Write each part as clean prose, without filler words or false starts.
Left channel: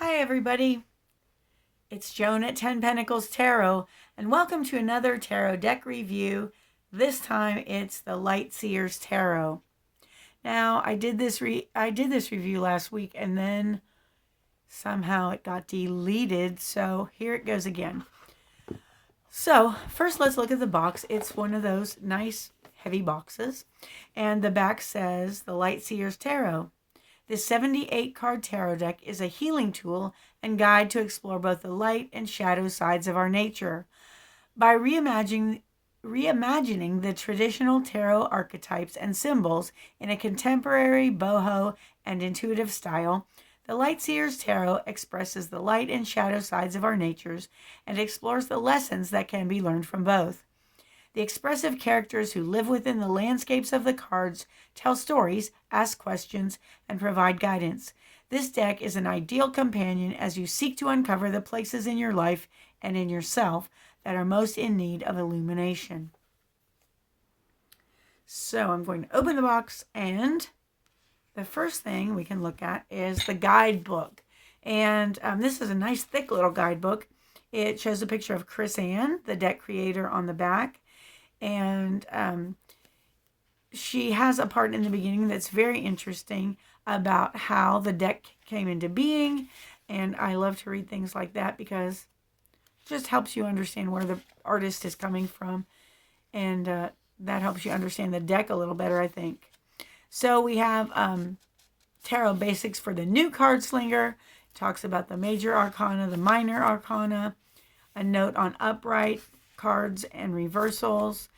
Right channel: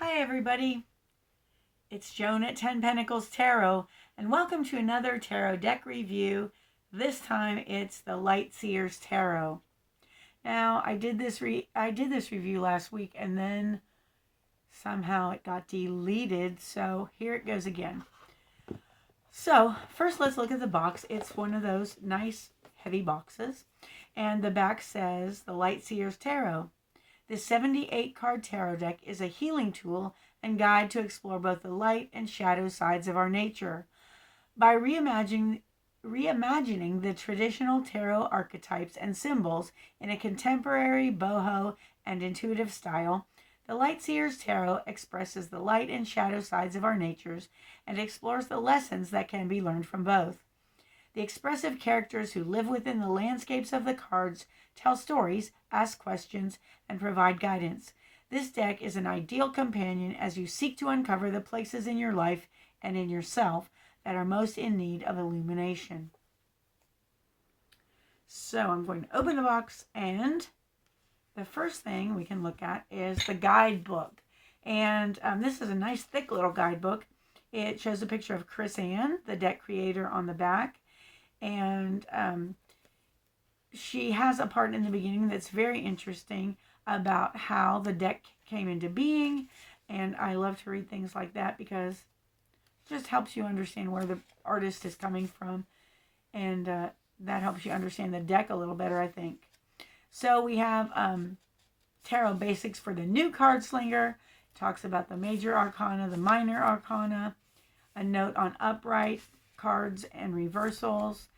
Hi everybody, it's Joan at 10 Pentacles Tarot, and welcome to another tarot deck review. This time it's the Light Seer's Tarot. Now I did this review last week and then somehow it got deleted, so here it goes again. So first let's look at the box. It's one of those nice heavy boxes, and the back says the Light Seer's Tarot. This 78 card tarot deck is a healing tool and guide to explore both the light and shadow sides of our nature. By reimagining the traditional tarot archetypes and symbols in a contemporary, boho, and intuitive style, the Light Seer's Tarot expresses the light and shadow sides of our natures and explores the lessons that can be learned from both. The expressive characters who live within the landscapes of the cards tell stories, ask questions, and provide guidance. This deck is an ideal companion as you seek to uncover the places in your life and in yourself that are most in need of illumination. So I'm going to open the box, and the first thing we can look at is the guidebook. And this is a nice thick little guidebook. It shows a picture of Chris Ann, the deck creator, on the back. And she has a part in the beginning that's very interesting about how the deck came into being. And I love to read things like that because it just helps you understand where the artist is coming from. And that helps you understand the deck a little better, I think. So we have Tarot Basics for the New Card Slinger. It talks about the major arcana, the minor arcana, a note on upright cards and reversals.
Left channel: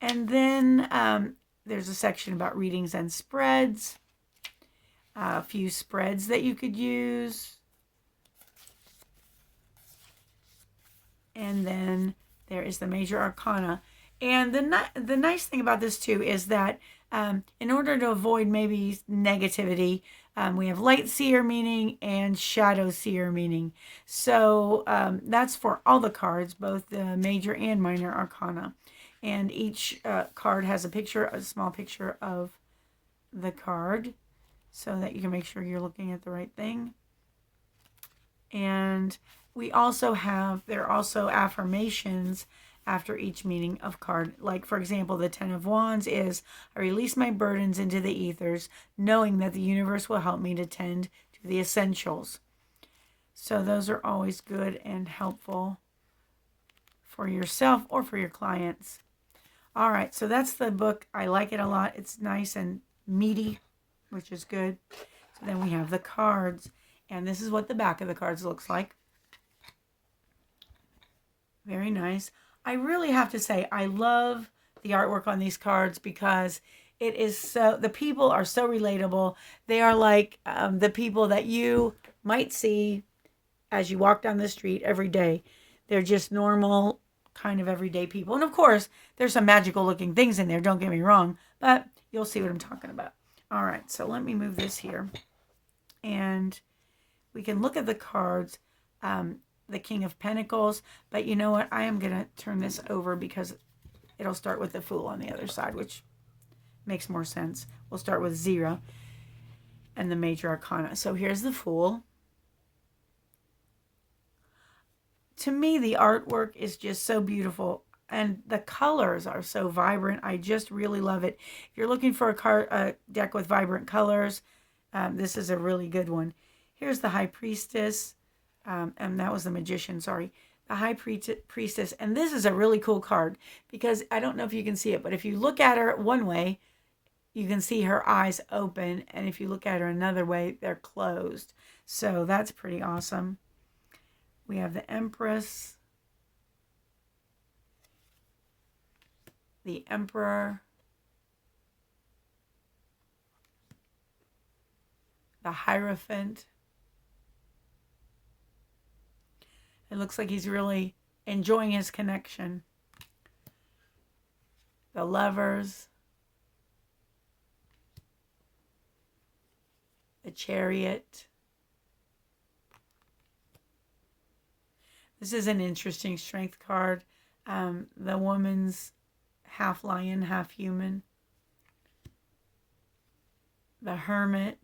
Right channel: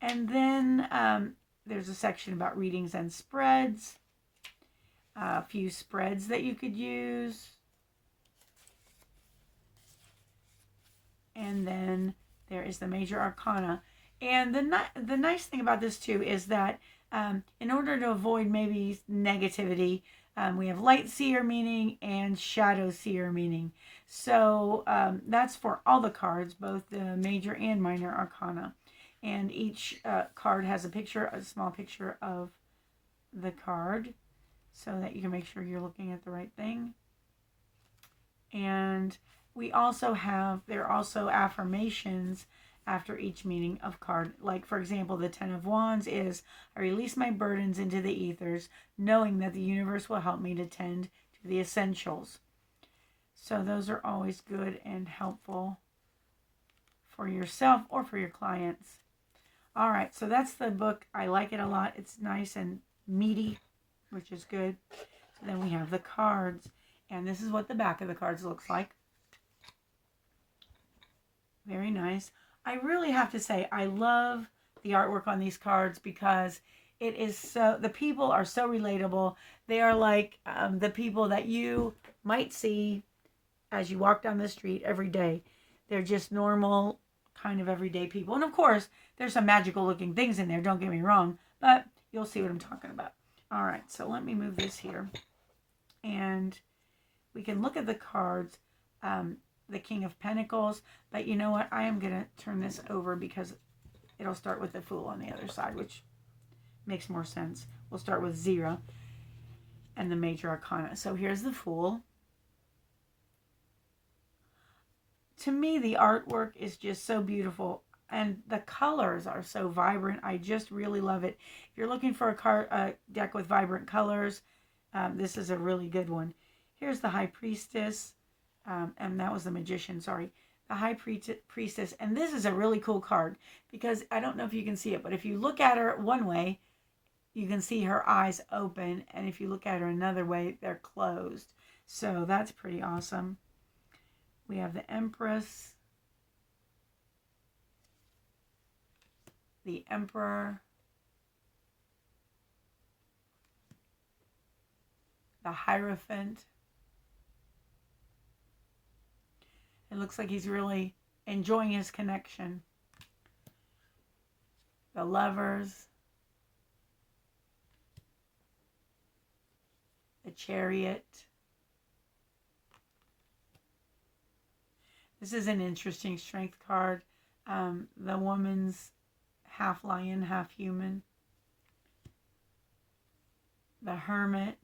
And then there's a section about readings and spreads, a few spreads that you could use. And then there is the major arcana. And the nice thing about this too is that in order to avoid maybe negativity, we have light seer meaning and shadow seer meaning. So that's for all the cards, both the major and minor arcana. And each card has a small picture of the card so that you can make sure you're looking at the right thing. And there are also affirmations after each meaning of card. Like, for example, the 10 of Wands is, I release my burdens into the ethers, knowing that the universe will help me to tend to the essentials. So those are always good and helpful for yourself or for your clients. All right, so that's the book. I like it a lot. It's nice and meaty, which is good. So then we have the cards, and this is what the back of the cards looks like. Very nice. I really have to say, I love the artwork on these cards because the people are so relatable. They are like the people that you might see as you walk down the street every day. They're just normal, kind of everyday people. And of course, there's some magical looking things in there, don't get me wrong, but you'll see what I'm talking about. All right, so let me move this here. And we can look at the cards. The King of Pentacles, but you know what? I am going to turn this over because it'll start with the Fool on the other side, which makes more sense. We'll start with 0 and the major arcana. So here's the Fool. To me, the artwork is just so beautiful, and the colors are so vibrant. I just really love it. If you're looking for a deck with vibrant colors, this is a really good one. Here's the High Priestess. And that was the Magician, sorry. The High Priestess. And this is a really cool card because I don't know if you can see it, but if you look at her one way, you can see her eyes open. And if you look at her another way, they're closed. So that's pretty awesome. We have the Empress, the Emperor, the Hierophant. It looks like he's really enjoying his connection. The Lovers, the Chariot. This is an interesting strength card. The woman's half lion, half human. The Hermit.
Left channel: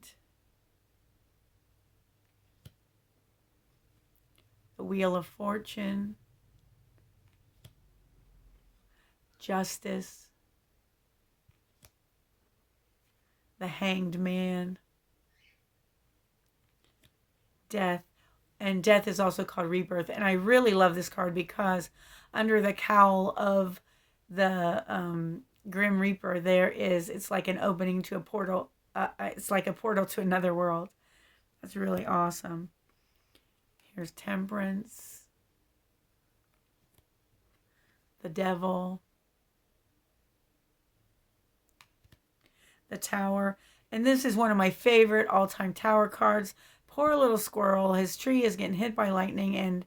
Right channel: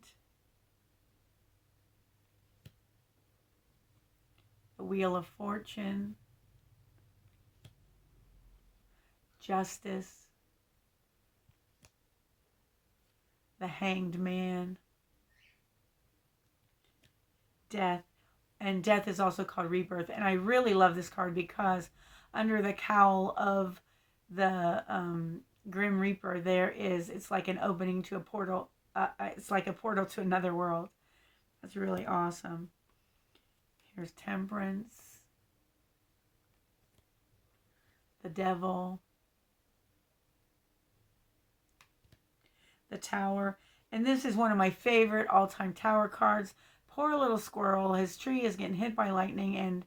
Wheel of Fortune, Justice, the Hanged Man, Death. And Death is also called Rebirth. And I really love this card because under the cowl of the Grim Reaper, it's like an opening to a portal. It's like a portal to another world. That's really awesome. Here's Temperance, the Devil, the Tower. And this is one of my favorite all-time Tower cards. Poor little squirrel. His tree is getting hit by lightning, and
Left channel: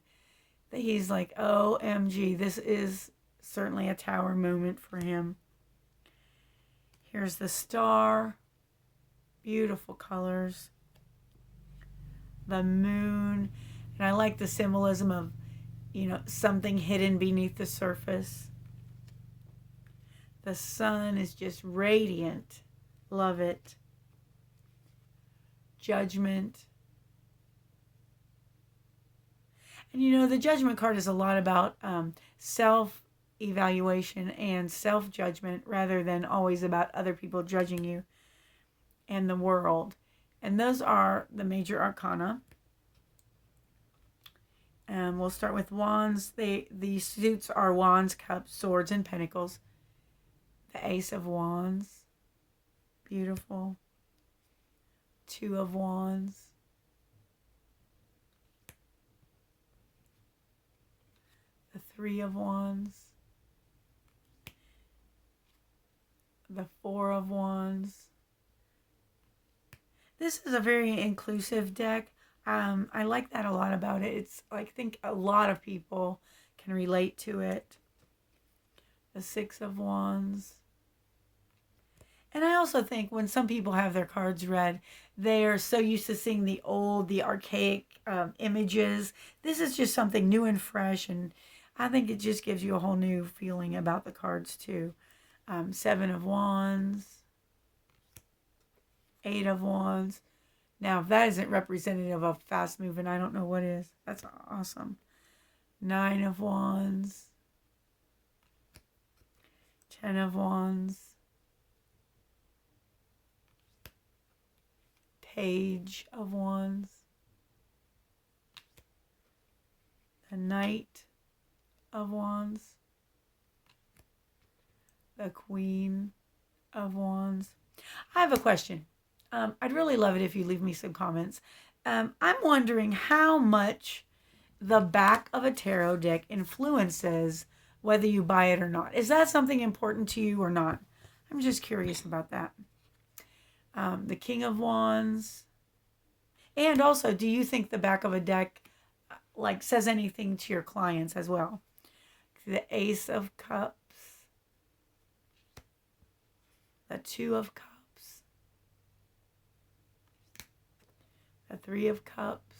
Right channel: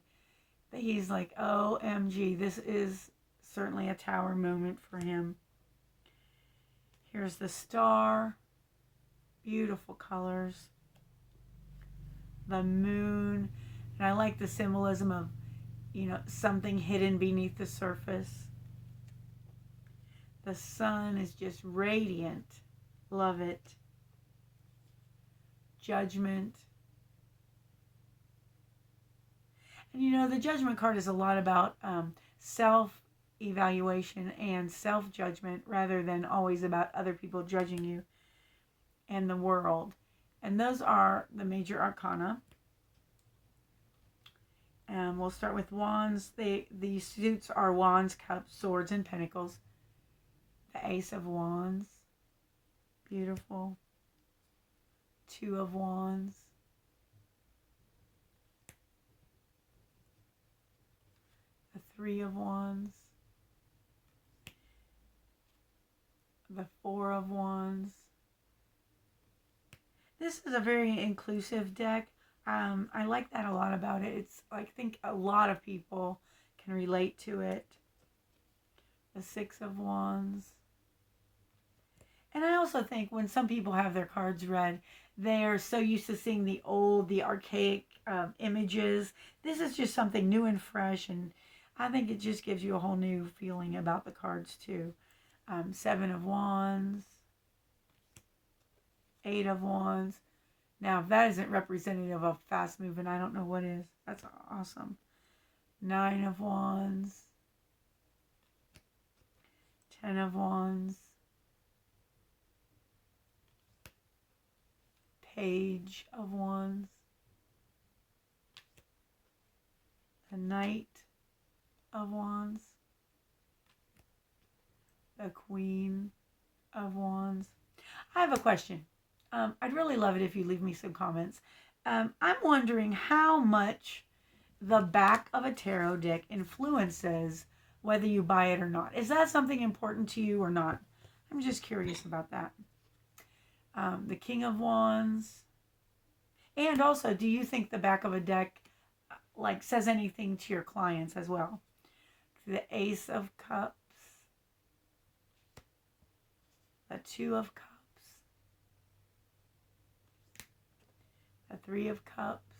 he's like, OMG, this is certainly a Tower moment for him. Here's the Star. Beautiful colors. The Moon. And I like the symbolism of, something hidden beneath the surface. The Sun is just radiant. Love it. Judgment. And the Judgment card is a lot about self-evaluation and self-judgment rather than always about other people judging you and the world. And those are the major arcana. And we'll start with Wands. The suits are Wands, Cups, Swords, and Pentacles. The Ace of Wands. Beautiful. Two of Wands. The Three of Wands. The Four of Wands. This is a very inclusive deck. I like that a lot about it. I think a lot of people can relate to it. The Six of Wands. And I also think when some people have their cards read, they are so used to seeing the archaic images. This is just something new and fresh, and I think it just gives you a whole new feeling about the cards too. Seven of Wands. Eight of Wands. Now, if that isn't representative of fast moving, I don't know what is. That's awesome. Nine of Wands. Ten of Wands. Page of Wands. The Knight of Wands. The Queen of Wands. I have a question. I'd really love it if you leave me some comments. I'm wondering how much the back of a tarot deck influences whether you buy it or not. Is that something important to you or not? I'm just curious about that. The King of Wands. And also, do you think the back of a deck says anything to your clients as well? The Ace of Cups. The Two of Cups. The Three of Cups.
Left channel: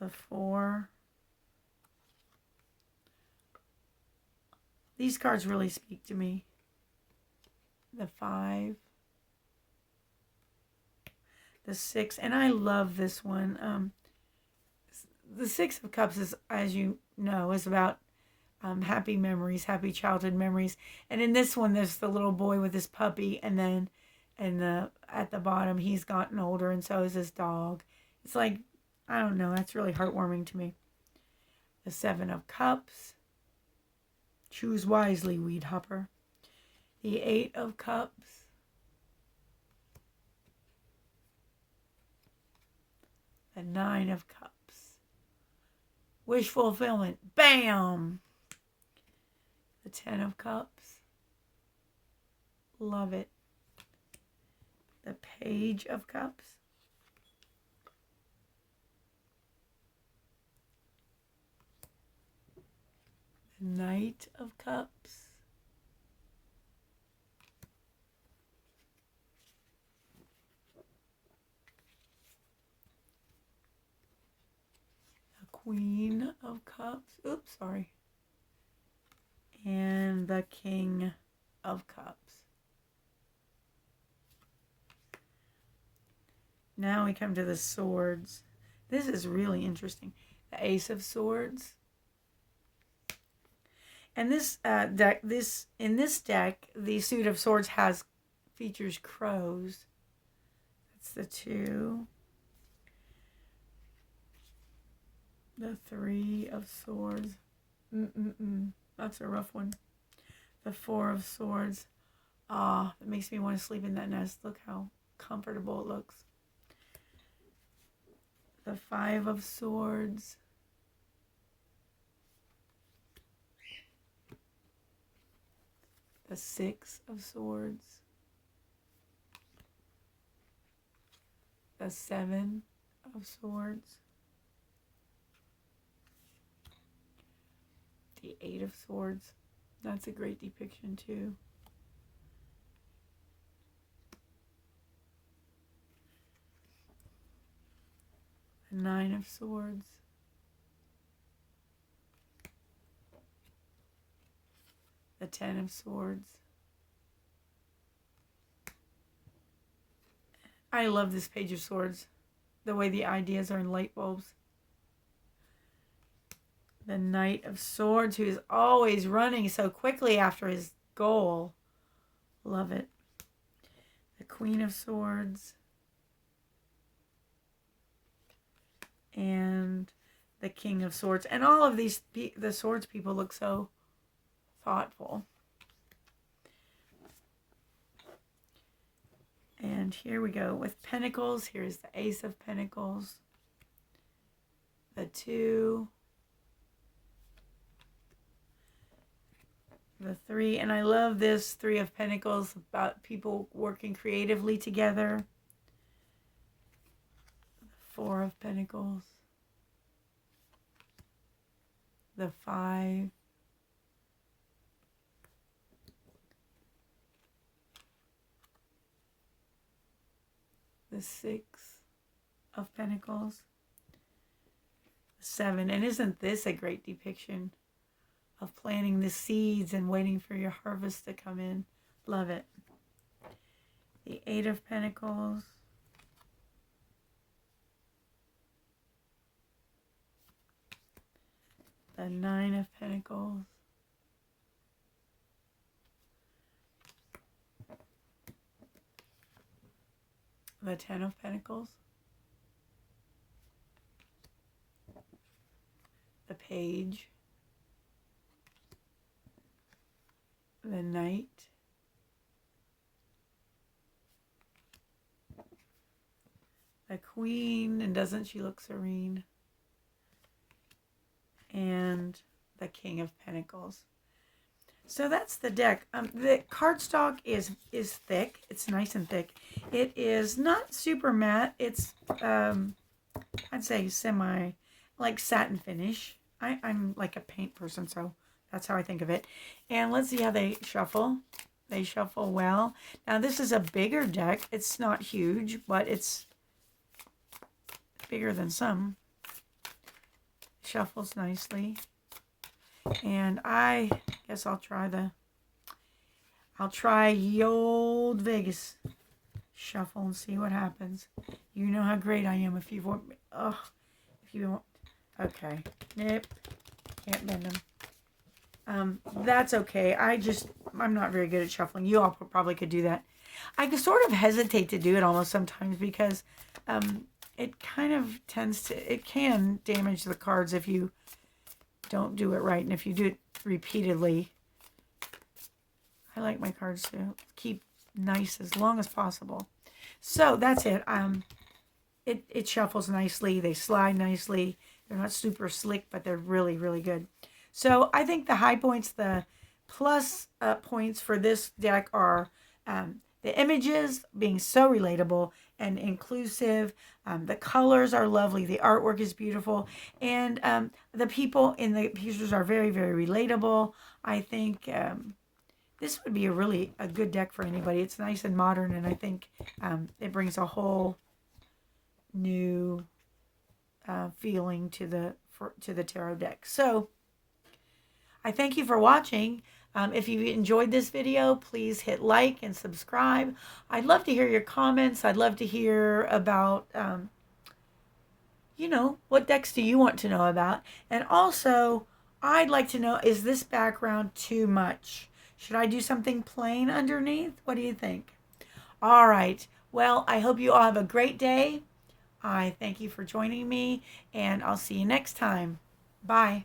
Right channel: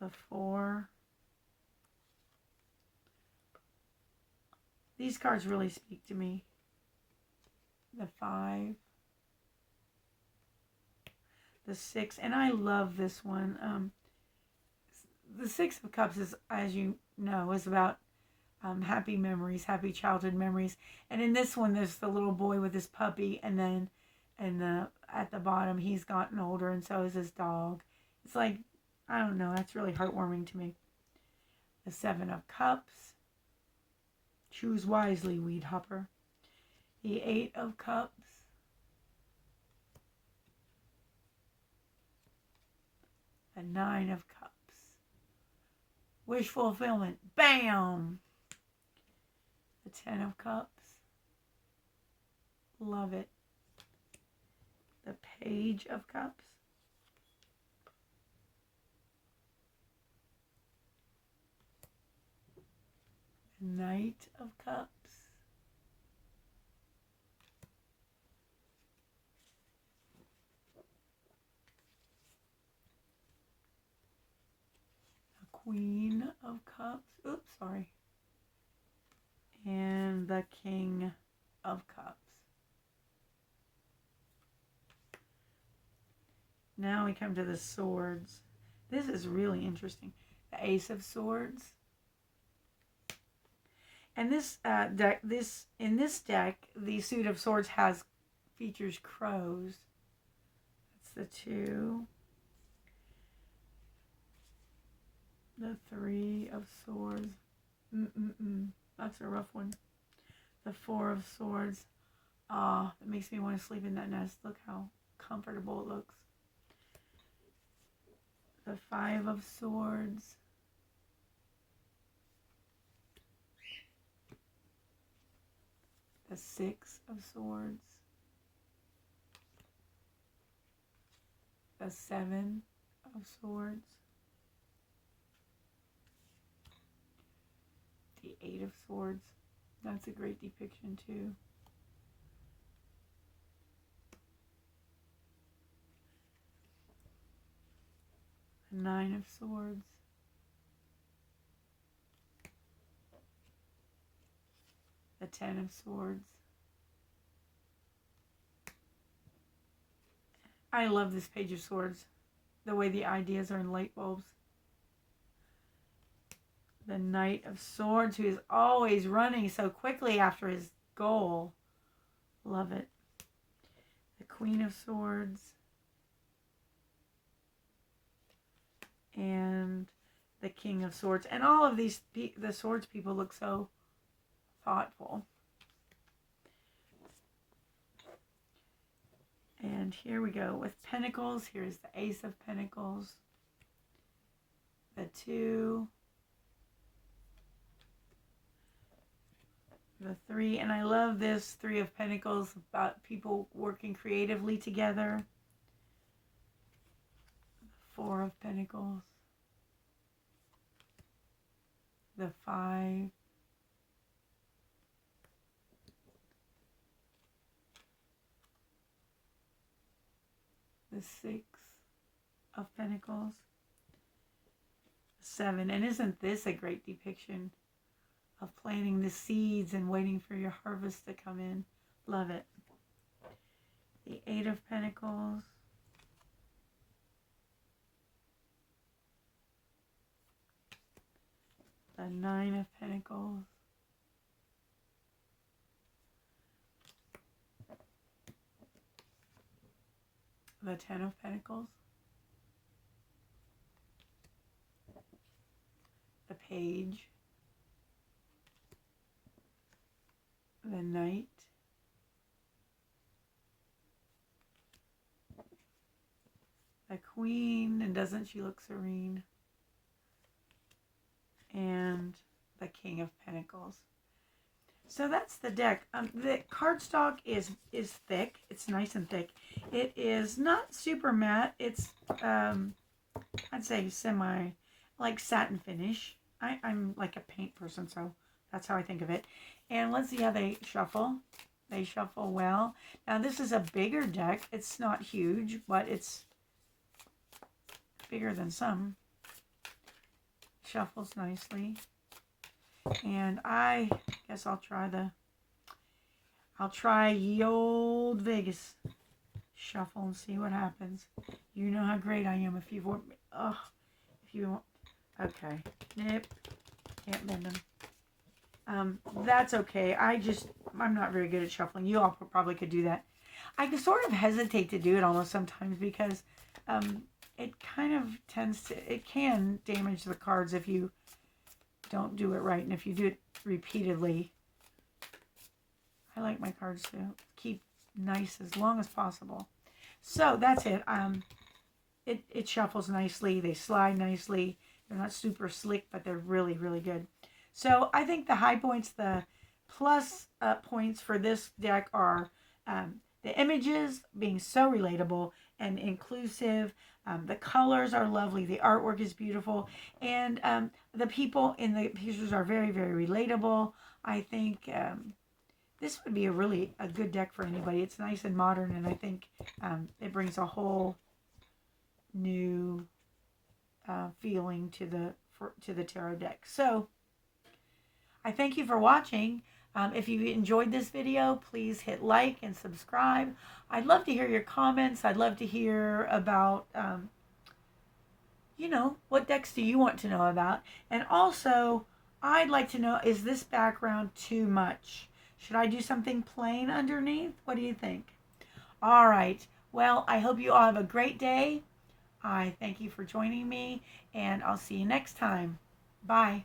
The Four. These cards really speak to me. The Five. The Six. And I love this one. The Six of Cups is, as you know, is about happy memories, happy childhood memories. And in this one, there's the little boy with his puppy, and then at the bottom, he's gotten older, and so is his dog. It's like, I don't know, that's really heartwarming to me. The Seven of Cups. Choose wisely, weed hopper. The Eight of Cups. The Nine of Cups. Wish fulfillment. Bam! The Ten of Cups. Love it. The Page of Cups. The Knight of Cups. The Queen of Cups. Oops, sorry. And the King of Cups. Now we come to the swords. This is really interesting. The Ace of Swords. And this deck, in this deck, the suit of swords features crows. That's the 2. The 3 of swords. That's a rough one. The 4 of swords. Ah, it makes me want to sleep in that nest. Look how comfortable it looks. The 5 of swords. The 6 of swords. The 7 of swords. The 8 of swords. That's a great depiction too. The 9 of swords. The 10 of swords. I love this page of swords. The way the ideas are in light bulbs. The Knight of Swords, who is always running so quickly after his goal. Love it. The Queen of Swords. And the King of Swords. And all of these, the swords people look so thoughtful. And here we go with Pentacles. Here's the Ace of Pentacles. The 2. The 3. And I love this 3 of Pentacles about people working creatively together. The 4 of Pentacles. The 5. The 6 of Pentacles. The 7. And isn't this a great depiction of planting the seeds and waiting for your harvest to come in? Love it. The 8 of Pentacles. The 9 of Pentacles. The 10 of Pentacles. The Page. The Knight. The Queen, and doesn't she look serene? And the King of Pentacles. So that's the deck. The cardstock is thick. It's nice and thick. It is not super matte. It's, I'd say semi, like satin finish. I'm like a paint person, so that's how I think of it. And let's see how they shuffle. They shuffle well. Now this is a bigger deck. It's not huge, but it's bigger than some. Shuffles nicely. And I guess I'll try ye old Vegas shuffle and see what happens. You know how great I am if you want me. Oh, if you want. Okay. Nope. Can't bend them. That's okay. I'm not very good at shuffling. You all probably could do that. I sort of hesitate to do it almost sometimes because it kind of it can damage the cards if you don't do it right. And if you do it repeatedly, I like my cards to keep nice as long as possible. So that's it. It shuffles nicely. They slide nicely. They're not super slick, but they're really, really good. So I think the high points, the plus points for this deck are the images being so relatable and inclusive. The colors are lovely. The artwork is beautiful. And the people in the pictures are very, very relatable. I think this would be a good deck for anybody. It's nice and modern, and I think it brings a whole new feeling to the tarot deck. So I thank you for watching. If you enjoyed this video, please hit like and subscribe. I'd love to hear your comments. I'd love to hear about, what decks do you want to know about? And also, I'd like to know, is this background too much? Should I do something plain underneath? What do you think? All right. Well, I hope you all have a great day. I thank you for joining me, and I'll see you next time. Bye.